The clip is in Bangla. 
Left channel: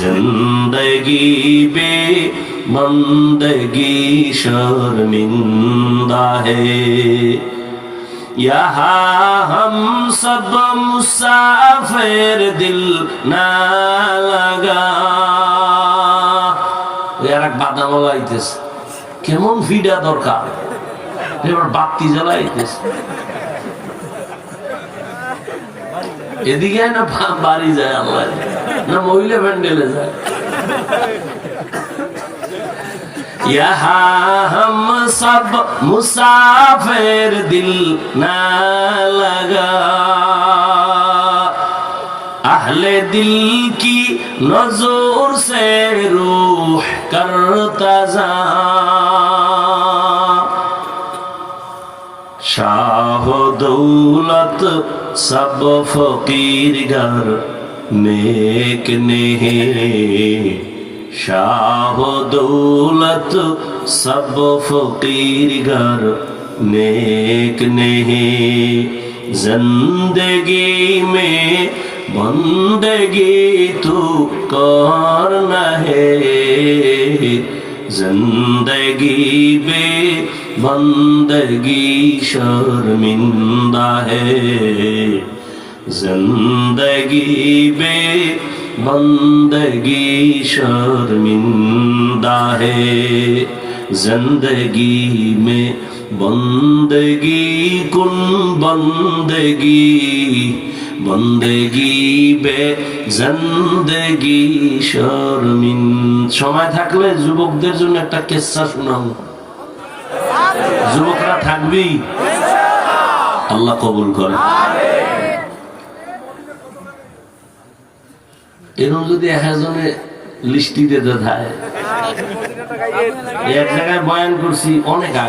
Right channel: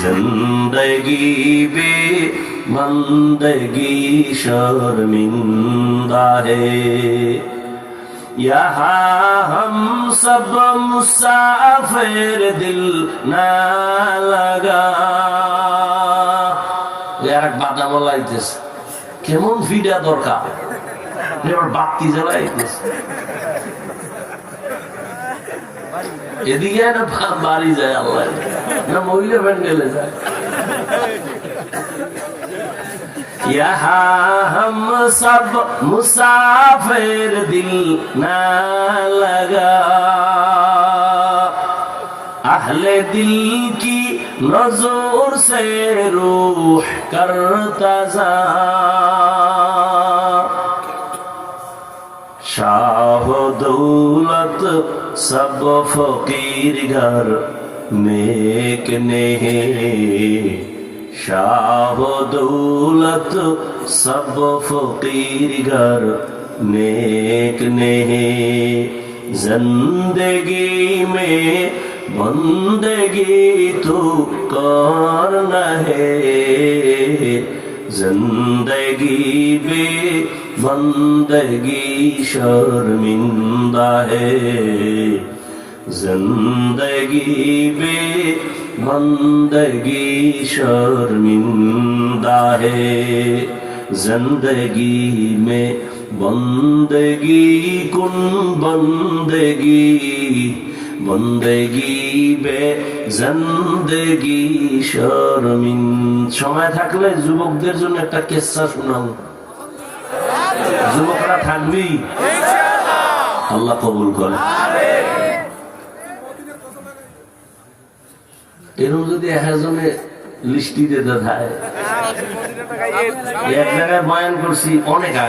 जिंदगी बे बंदगी शर्मिंदा है। यहाँ हम सब मुसाफिर दिल ना लगा। यार बाधा বলাইতেছে কেমন ভিডিও দরকার, এবার বাতি জ্বালাইতেছে এদিকে না বাড়ি যায় আল্লাহ না মহিলা প্যান্ডেলে যায়। यहाँ हम सब मुसाफिर दिल ना लगा, अहले दिल की नजर से रूह करता जा। शाह दौलत सब फकीर घर नेक नहीं, शाह दौलत सब फकीर घर नेक नहीं। जिंदगी में बंदगी तू करना है, जिंदगी में बंदगी शर्मिंदा है। जिंदगी में बंदगी शर्मिंदा है। जिंदगी में बंदगी कुन बंदगी, बंदगी बे जिंदगी शर्मिन। সময় থাকলে যুবকদের জন্য একটা কিস্সা শোনাবো। যুবকরা থাকবি, আল্লাহ কবুল করে। এরকম যদি একজনে লিস্টি দিতে থাকে, এক জায়গায় বয়ান করছি অনেক আগে।